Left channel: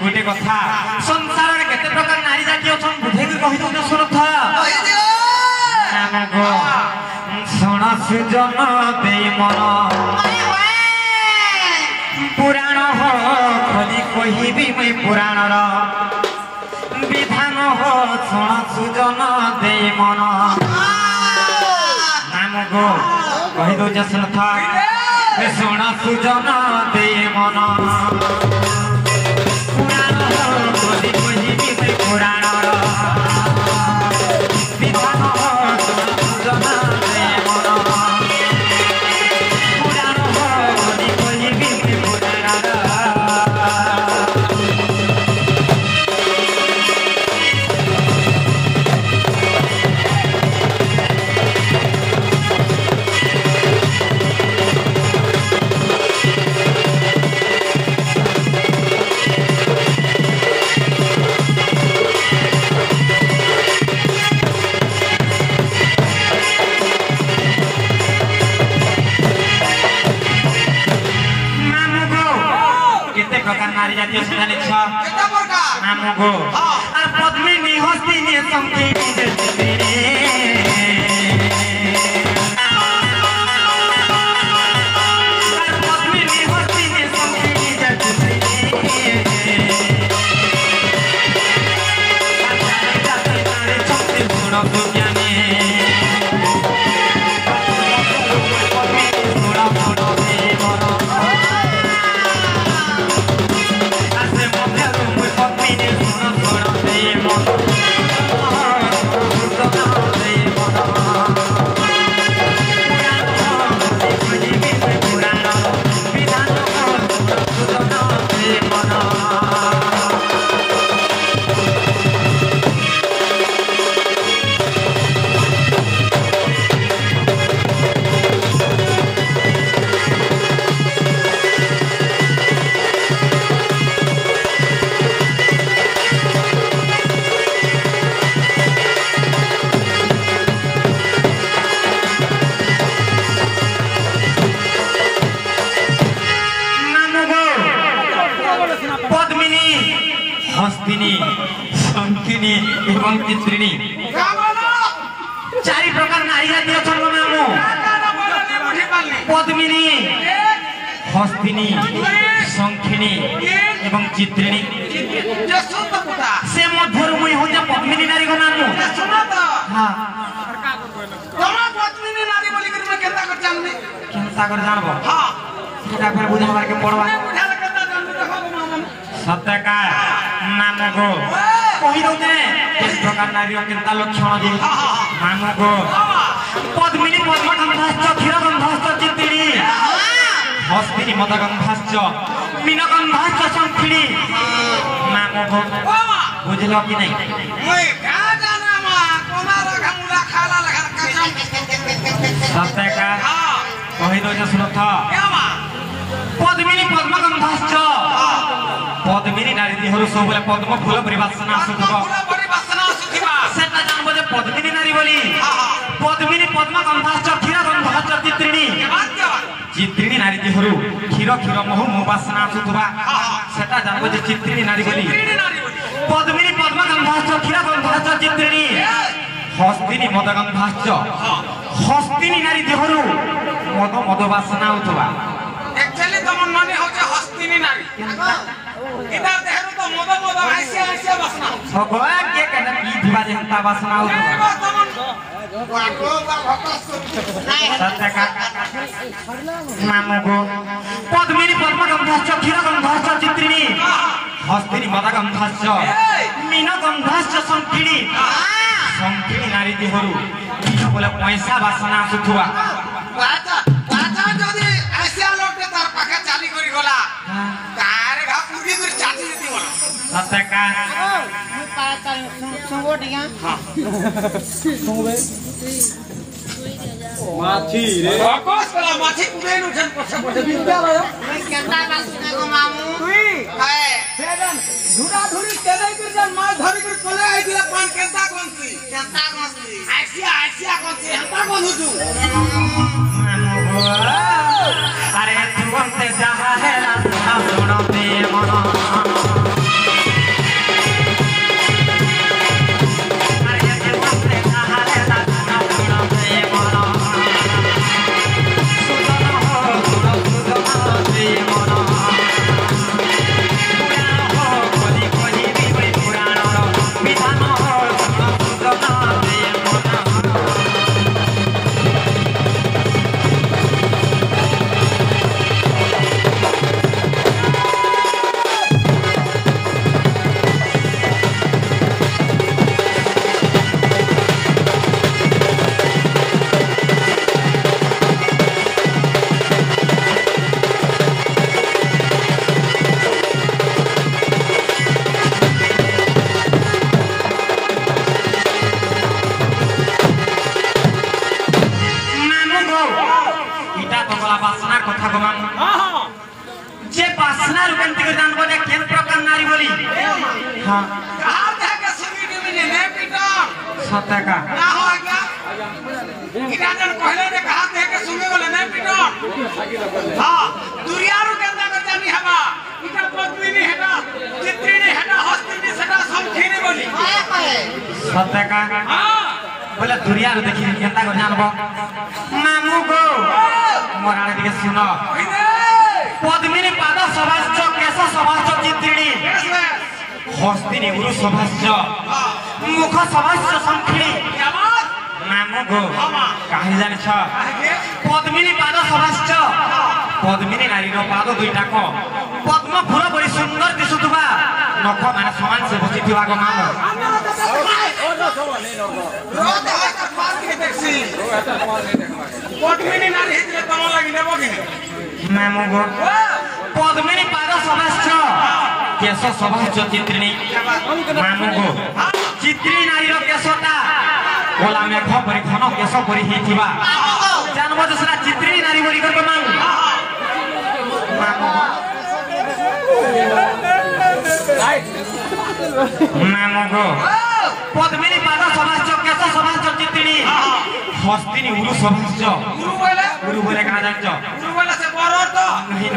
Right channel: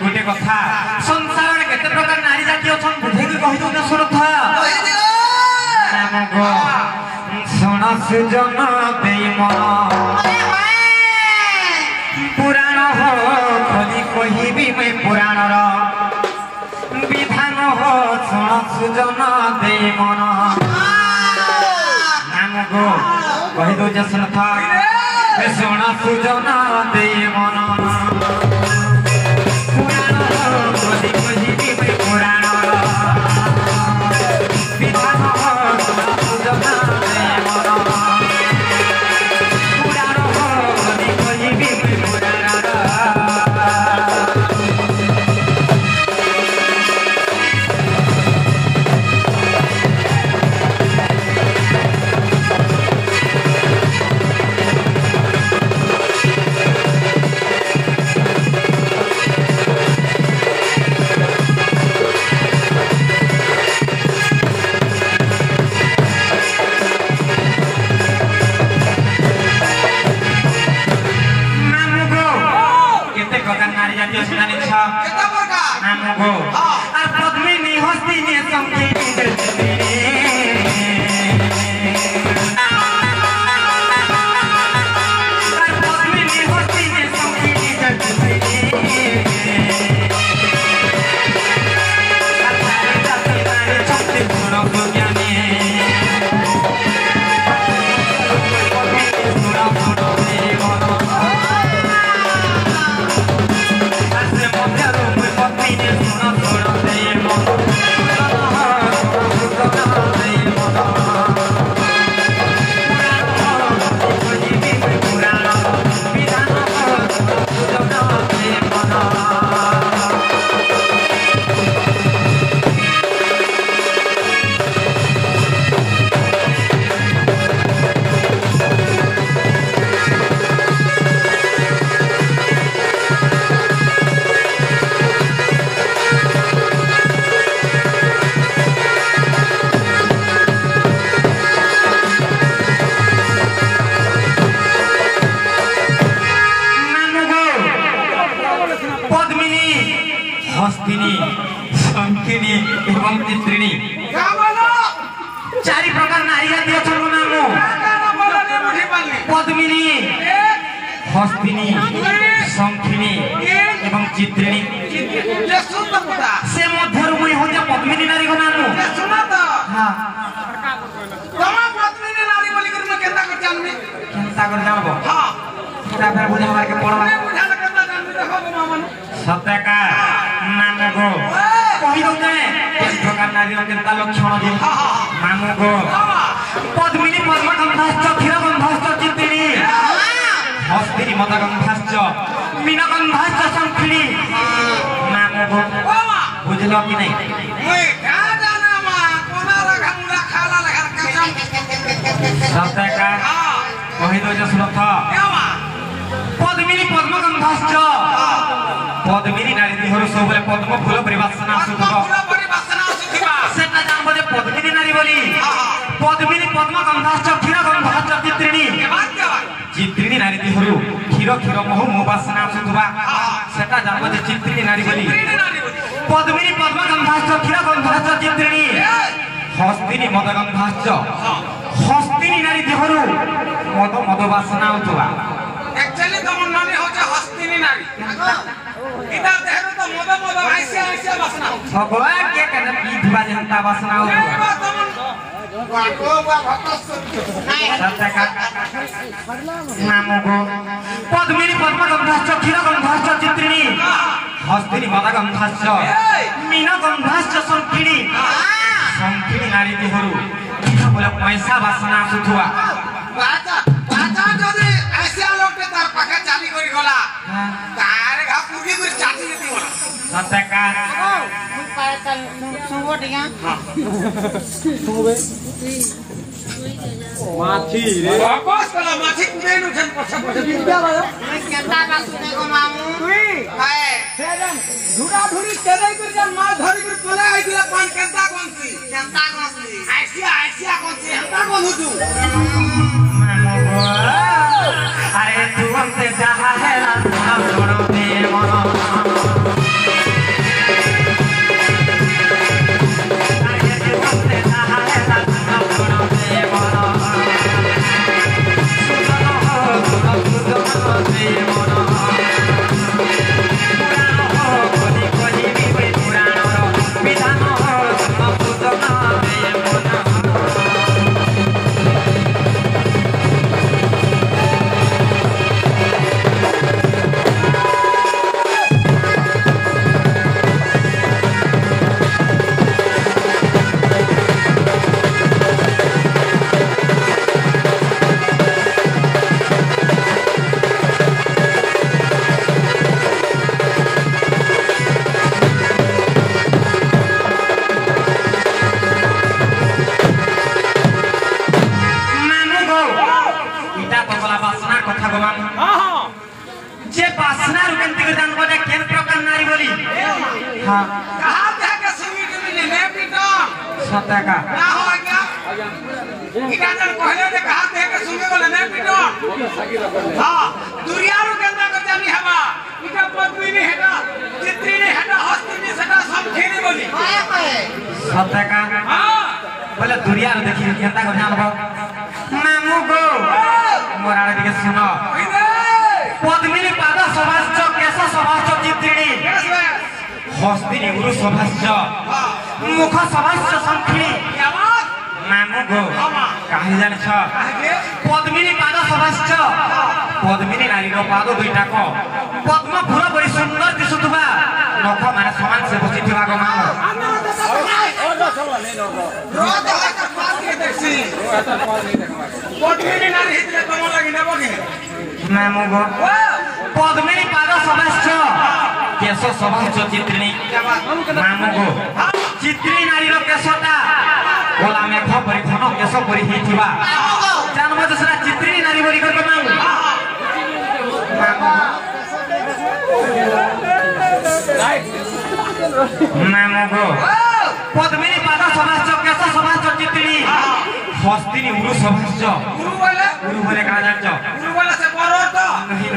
गोटे कथा संसार में केते प्रकार नारी जाति अछन बुझे की कहि दो सुरथ नाम गो सुन सुजन देई मन पुराण हो खोली कहिबी मैं पुराण रो विधान हो सुन सुजन देई मन नाम गो कहि दो सुरथ सुन सुजन देई मन पद्मिनी हस्तिनी शंखिनी एवं चित्रिणी चारि प्रकार नारी जाति अछन नाम पद्मिनी हस्तिनी शंखिनी एवं चित्रिणी से मध्यरु मुई हो जे पद्मिनी नारी को नाम हां तमा पद्मिनी नारी बोली कर मैं केता कर जानबी केता कर जानबो हां सेटा फेर बुझे मार के पड़वा सत्यका नाम गो कहि दो ने इस प्रकार नारी केता लक्षण दे नाम गो पद्मिनी पद्मगंधाश्च क्षीरगंधाश्च चित्रिणी हस्तिनी मदगंधाश्च मीनगंधाश्च शंखिनी नाम गो बुझलो कि नहीं ओए का जाना मा कोनारा घमुला खाला लगा सत्यका कहि दो जे सुरथ पद्मिनी पद्मगंधाश्च पद्मिनी नारी देहरु सबले पद्म फूल परिवासना सुधब सेटा जानबो जे पद्मिनी नारी बोली पद्मिनी पद्मगंधाश्च क्षीरगंधाश्च चित्रिणी चित्रिणी नारी देहरु क्षीर क्षीर महु मुवासना सुधब सेटा जानबो जे चित्रिणी नारी बोली पद्मिनी पद्मगंधाश्च क्षीरगंधाश्च चित्रिणी हस्तिनी मदगंधाश्च हस्तिनी नारी देहरु मद मद वासना उतबा एक्चुअली तमन माने होचे हस्तिनी नारी इधर देहरु तो मद मद आइसिया आइसिया वासना हो भगवान के कने की दिवा जनता वासना हो तमन वाको वा भक्तस सत्यका नाम गो पद्मिनी पद्मगंधाश्च क्षीरगंधाश्च चित्रिणी हस्तिनी मदगंधाश्च मीनगंधाश्च शंखिनी शंखिनी नारी देहरु बोले पैसा वासना सुथुआ बाता बाता जदी आइसिया लोग तार पाके चाली करी गला तारे घा पुगी गुर चाची जती बोल सत्यका सुंगो टिया सुंगबे माथी रे आकाश वाला माथी कुबेनु छन पछे पछे विद्या भयो मैं केता बासु देखो मामू तुई हाय सेदन धुरा धुरी तेदै कर जन मार धरी कर पले आइला पान केता कोनसी केता गसी आइसिया कोनसी हंता कोन हुतु अरे तू हमसे जहाँ है रास्ता छोड़ो दे मनो अरे तू हमसे जहाँ है रास्ता छोड़ो दे मनो सुनो हो दे मनो पुरानो हो कोली कोली भी पुरानो हो विधानो हो सुनो दे मनो जे बासना रुकंती को जान बोले केन प्रकार नारी बोली हां कहा थे के सुनी के ने पीटा सत्य का ना हो क्या इना जन कहले जे कहा थे के सुनी बोले ने पीटा हां दुरियारू केंदा को जानी हवा इटा पद्मिनी हेडा चित्रिनी हेडा हस्तिनी सेटा समखेनी बोली सत्य का हां बोले दुरियारू देखि केंता को जान बो मांगू गो मोराले दिके सुनो पद्मिनी पादा सभास्य केश सभास्य चित्रिणी हस्तिनी गुरु सभास्य मुख सभास्य संखिणी मांगू गो कहानी जानिछ पद्मिनी पादा सभास्य पद्मिनी नारी रो पाद दुईटा को पद्म फूल बड़ी सुंदर दिसुथुबा नख माने समान से बसिथुबा गो मांगो पद्मिनी नारी हितले कम लागि ने बगिने मांगू गो पद्मिनी पाद सभास्य केश सभास्य चित्रिणी मांगू गो चित्रिणी नारी रो केशटा ओला मेघ परि घन केश परि हिथिबा जानबो जसरा चित्रिणी नारी बोली कर मांगू मांगू पद्मिनी पाद सभास्य केश सभास्य चित्रिणी हस्तिनी उरु सभास्य उरु बोले का जानछ गुरु वाला से करो तो नहीं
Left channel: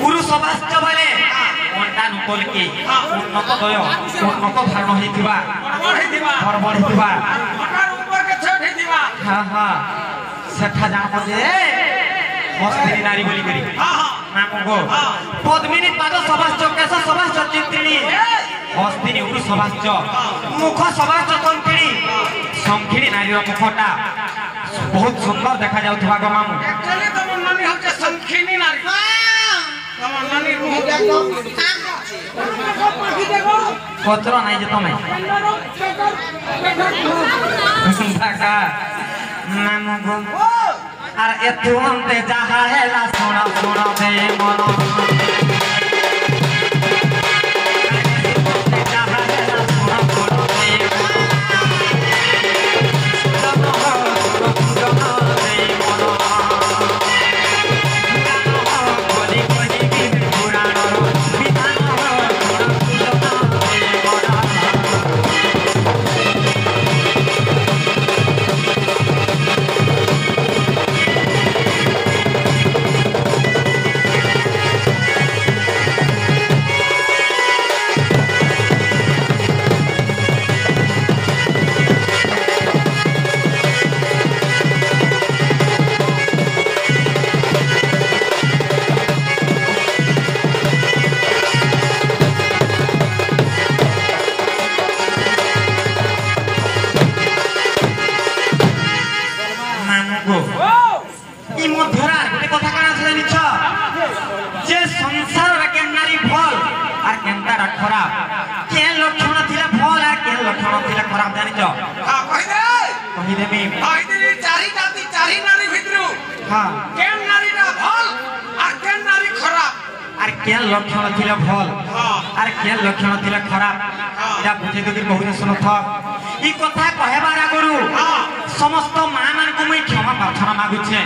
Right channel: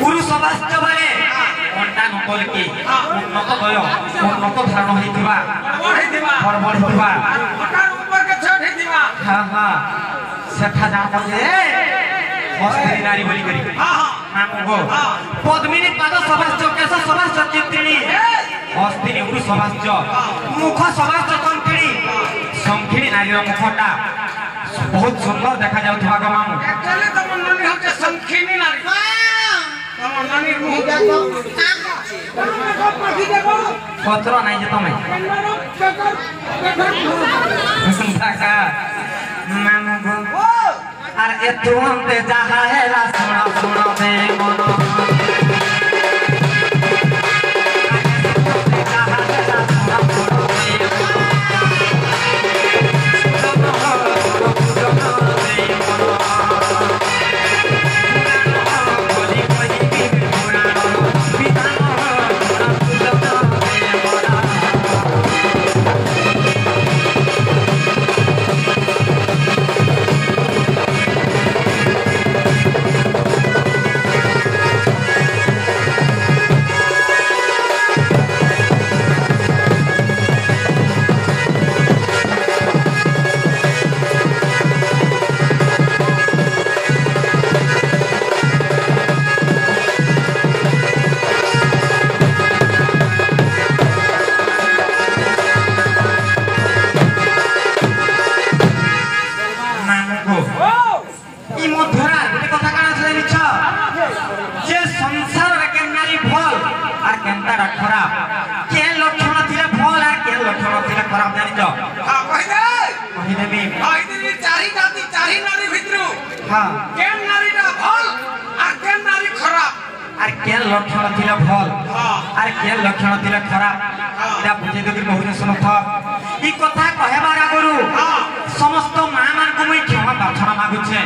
गुरु सभास्य वाले अंता नकल की उन्नत दय उन्नत धारण होइथिबा बढ़ी दिवा बरबड़िथिबा हटार ऊपर के छठ दिवा हां हां सेठा जानता जे हस्तिनी नारी बोली करी हां हां मांगो पद्मिनी पाद सभास्य केश सभास्य चित्रिणी हस्तिनी उरु सभास्य मुख सभास्य संखिणी नारी मुखटा बहुत सुंदर देखा जाउथबा गो मामू चले तो मन्नी हमके संखिनी नारी तो मन्नी मुंह देखो देखो पाठी देखो पत्र नहीं जे तमे कंदरो बेकर बाका मामू गो अरे तू हमते जहा है ला सुना सुना दे मनो लक्षण थिला भल आरे के लक्षण थिला खराब एटा बुझे देबी कहूनी सुन था ई कथा कहबार आगुरु समस्त मां मान को मैं क्षमा प्रार्थना मागु छे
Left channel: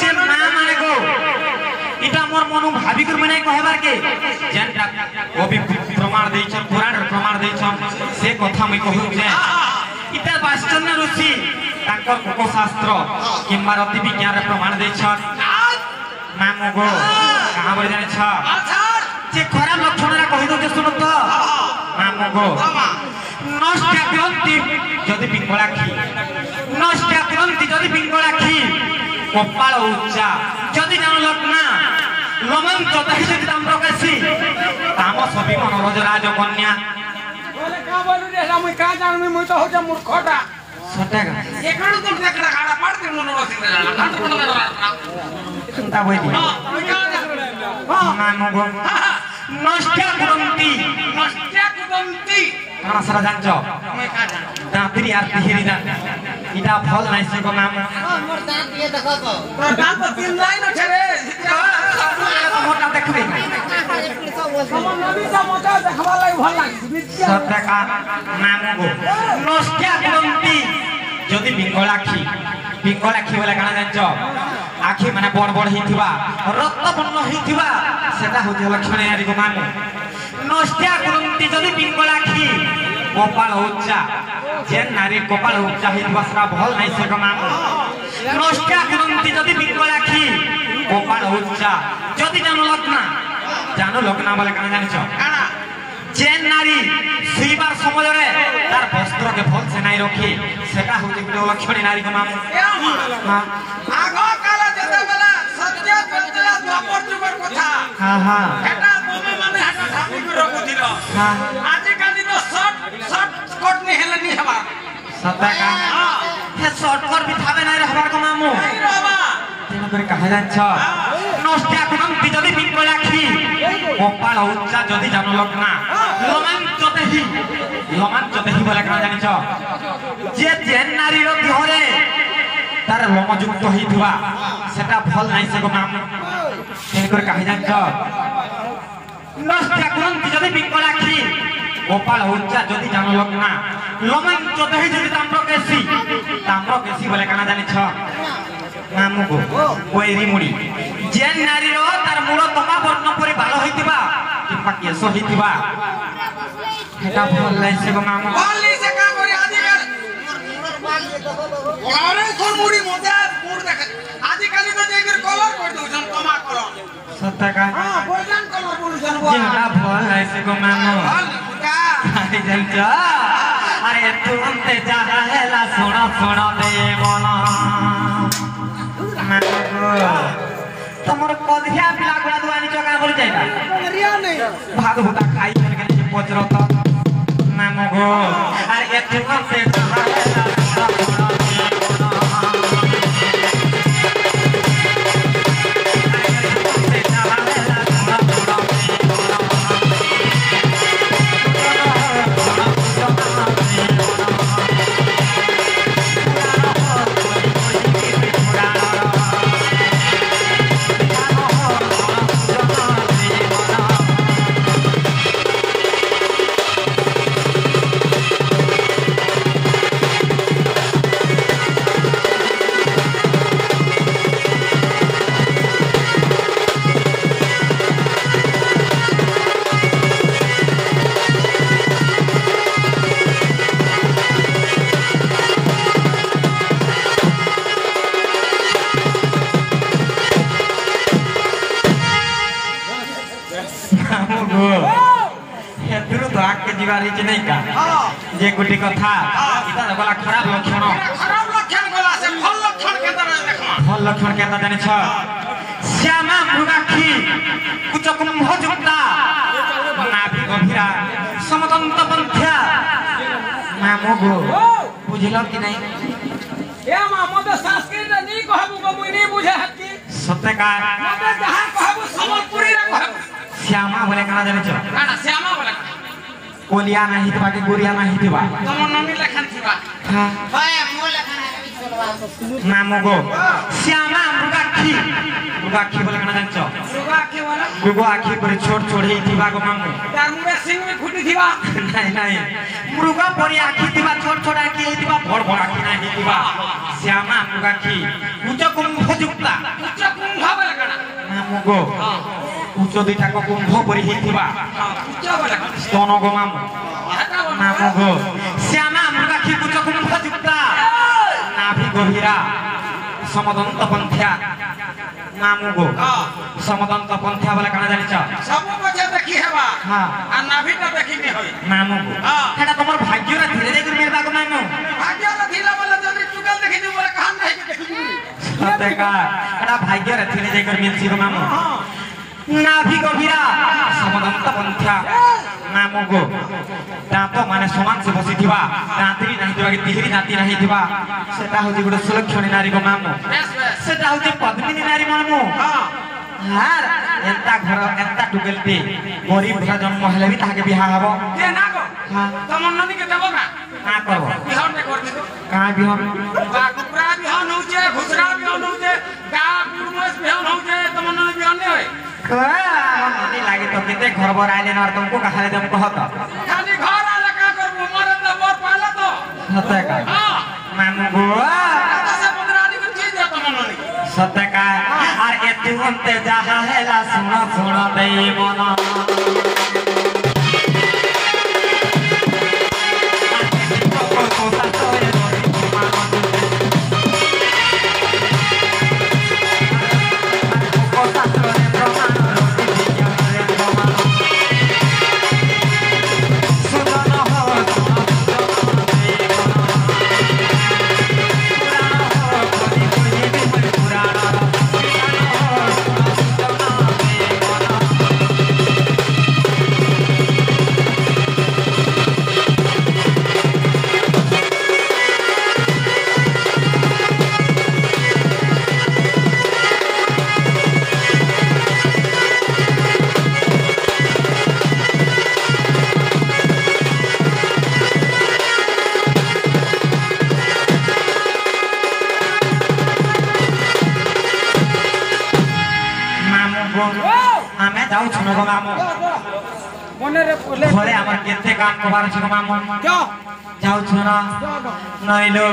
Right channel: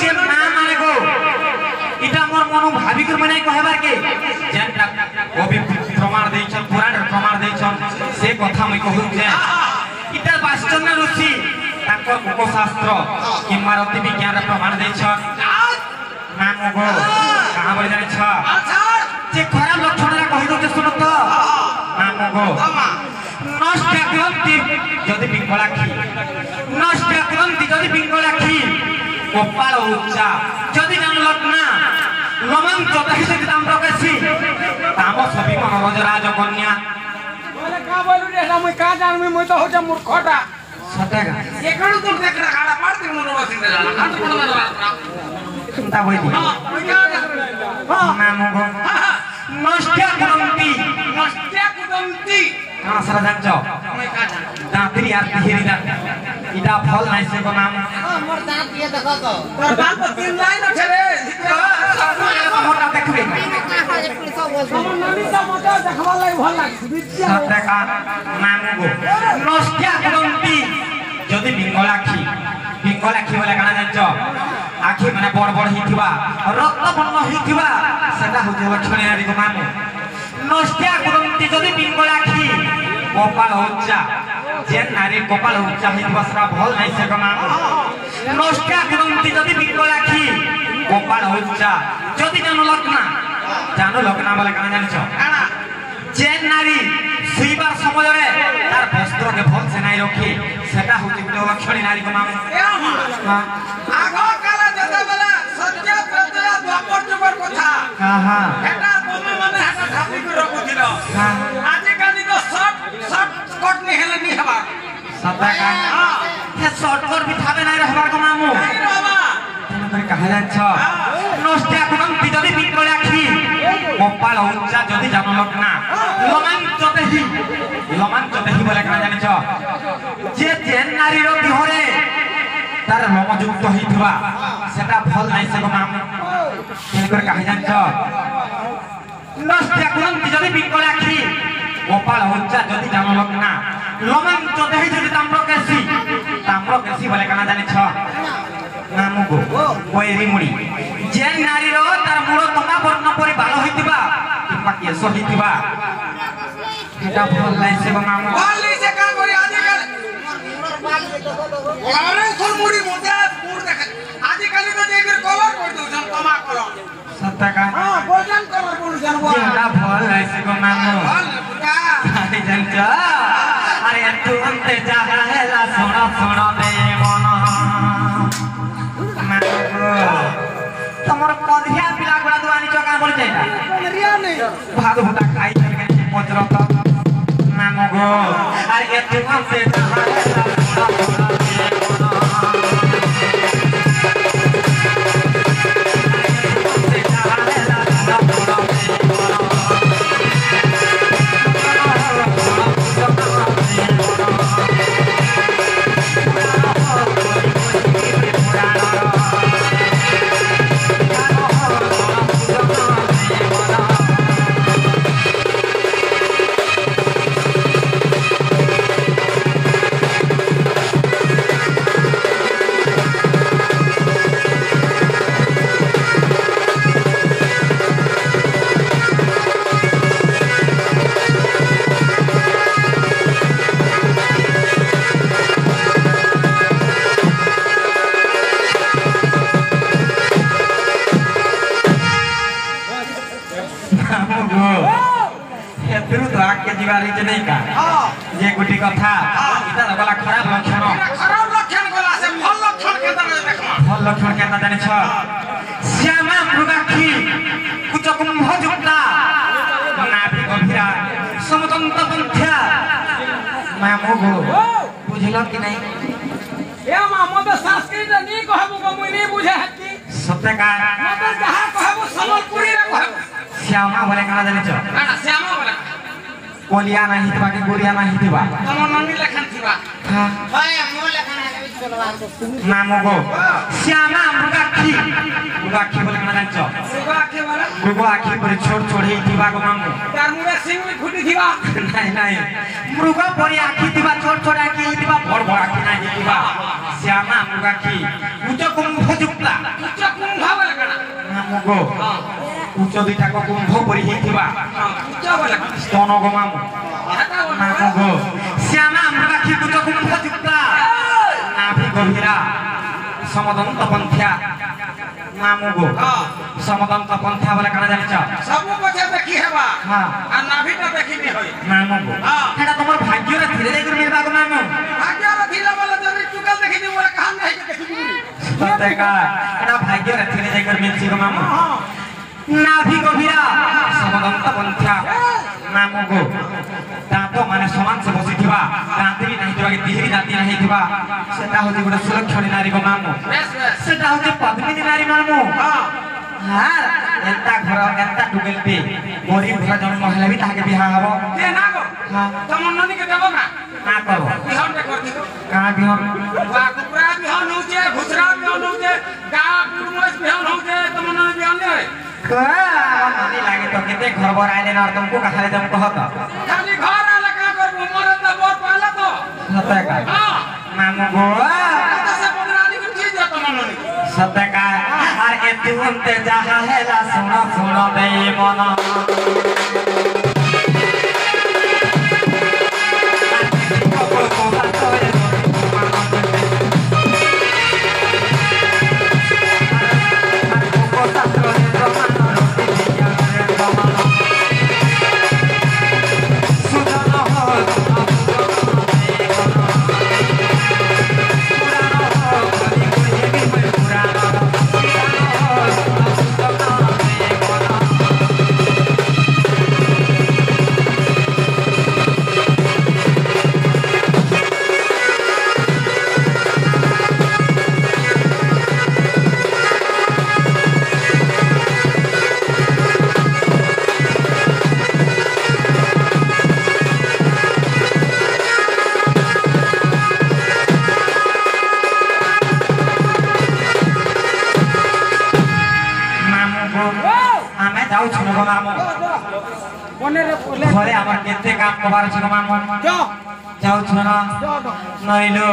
से मां माने को इटा मोर मन भाबी कर मने कहबार के जेनटा ओ भी प्रमाण देई छ पुराण प्रमाण देई छ से कथा मैं कहू छे इटा वास्तव ऋषि ताको उपशास्त्र किंवा रति विज्ञान प्रमाण देई छ नाम गो कहां बोले जाने छ जे खराब लक्षण रा कहि दो सुन तो नाम गो नष्ट ग्रंथि जदि पिंगलाखी नष्ट ग्रंथि जदि पिंगलाखी कपाल उच्चा जदि जान लग्ना लमन तो तहिसे दाम रकसी ताम सभी मनोज राज कन्या बोले का बोलू रे हम का जान में मैं तो हो जा मूर्खटा सटेगा एकड़ो तो टेकड़ा खाड़ा पड़ते मनोज सिंह रे चिंता होई दी नाम गो नष्ट ग्रंथि हां सरा जानचो दांतरी यार तिहेरी दा इटा फल नाही से को नाम मोर दांत ये देखो तो तोर दांत तो तीन लाइन छे रे मोटा देखबे हम नबी सा मोटा देखबा लाई भल लागी विद्या सटेगा नाम गो नष्ट ग्रंथि जदि बिंगलाखी वाला काना जानचो आखि माने बड़ बड़ हिथिबा रक्त बर्ण हिथिबा सेटा होते लक्षण यारी को नाम नष्ट ग्रंथि जदि बिंगलाखी कपाल उच्चा जेन नारी कपाल उच्चा हिथिबा सरा भल नाही से को नाम नष्ट ग्रंथि जदि बिंगलाखी कपाल उच्चा जदि जानो लग्ना वाला काना जानचो जेन नारी सुईबा समय रे तार वस्त्र के भल से नाही रखी सेटा होते लक्षण नारी को नाम आगो काला जता बेला सत्य करतला द्वापर जुगर कथा हां हां हेटा तमे माने हेटा ठाकुर को रखुथिलो आज काली तो शॉर्ट कट नि हेले नि हवा सताका हे शॉर्ट कट भी थाबे ना हवा को मामू नहीं बाबा तेन करे कहे जान्छ नष्ट ग्रंथि जदि बिंगल राखी कपाल उच्चा जदि जान लग्ना लमान जतेही बोले कहा जानिछ जे नारी रो दिहरे तार लोमयुक्त होइथिबा सेटा फल नाही से को नाम तेन करे कहे जान्छ नष्ट ग्रंथि जदि बिंगल राखी कपाल उच्चा जदि जान लग्ना लमान जतेही जदि ताम्र केसी बोले कहा जानिछ नाम को कोइरी मुड़ी जे नारी रो तार मूल तंगा वर्ण परि बाल होइतिबा किबा केस होइतिबा हेटा फल नाही से को नाम बोलली से का करे आजकल ओरे थोर मुड़ी मोदे पूर देखे आजकल में देकर कलर कर दो तमा कलर सत्ता का हां गोल्डन कलर बोलुसन वो हेटा फल नाही से को नाम का आदि जनचा अरे तू अंते जा हेला सोना दे मन तमर पधिया पिला गुडा दुआनी चका बोल जाइता रिया नहीं भागवता खाई करके पचरत नाम गो अरे तू अंते जा हेला दिवाली के नहीं का हां ये गुटी कथा इता लगला खराब लक्षण गला से फल लक्षण के तरह देखमा फल लक्षण के तरह जाने छ श्यामा मृगाक्षी कुछ कुंभ जुटा नाभि गंभीरा समतंत पंथ्या नाम गो बुझलो कि नहीं ए मा मते संस्कृत नहीं कहबो को मुई नहीं बुझे हकी सत्य का मते जहां कहबो संबलपुरी रे कहबो श्यामा बोले कहा जाने छ ना श्यामा बोले कोलिया नहीं थिबा के गुरिया नहीं थिबा तम मम्मी लखन थिबा हां भाई मो लखन नाम गो श्यामा मृगाक्षी बोले कना जानछ मृगाक्षी पर छोट छोट हे दिबा गो मामू तार मुंडे सिंह भी फुटी दिबा नहीं मृग परी आखी दिबा छोट छोट आखी हे दिबा बड़ बड़ आखी नाही दिबा श्यामा मृगाक्षी उच्च कुंभ जुक्ता बोले कना नाम गो उच्च दुटा को कुंभ परी हे दिबा उच्च बोले कना स्तन गो मामू नाम गो श्यामा मृगाक्षी उच्च कुंभ जुक्ता नाभि गभीरा समदंत पंथ्या नाम गो समदंत पंथ्या बोले कना जानिछ सब कथे देखि हेबा हां आ नाभि त देखि नि होई नाम गो हेडा तमर भाग्य रे धीरे धीरे मिलबा गो नाम भाग्य रे थिला बोले जने टुकल देखि नि मोरा कहां नहीं के देखि गुरी सते का हेडा भाग्य रे धीरे धीरे मिलछि गो नाम नाभि गभीरा समदंत पंथ्या नाम गो दांत माने समान से बसिथिबा दांती भी नहीं दिबा कि तिहरी दांती नहीं दिबा सेटा होजी गुडे सुलक्षणी नारी गो नाम सेटा होजी पद्मिनी नारी नाम हां एंता घर एंता टुगेलते गरीब घर जन्म हेले भी ताके बियाह हबो दे ना गो हां तमन ननी के देबो ना का करबो बिहान दे कर दिबो का बियाह कुकरा बिहान होजे घुसरा बिहान होजे गा बिरमस बिहान होजे तमन ननी बिहान ने का ननी लागे तो केते घर बर आइले न तुमको कहाले तुम कहत खाली घर आले का करबो मोर त बोर पाला तो सते का हां नाम गो से 15 दिन की दे तमन ननी सते का और एते उनते जहां है ला सुनो सुनो दे मना आमे जाऊ छनो गो मामो कोने रे घरे आवर केते काम कबार छ गो मामो जा जाऊ छनो नइलो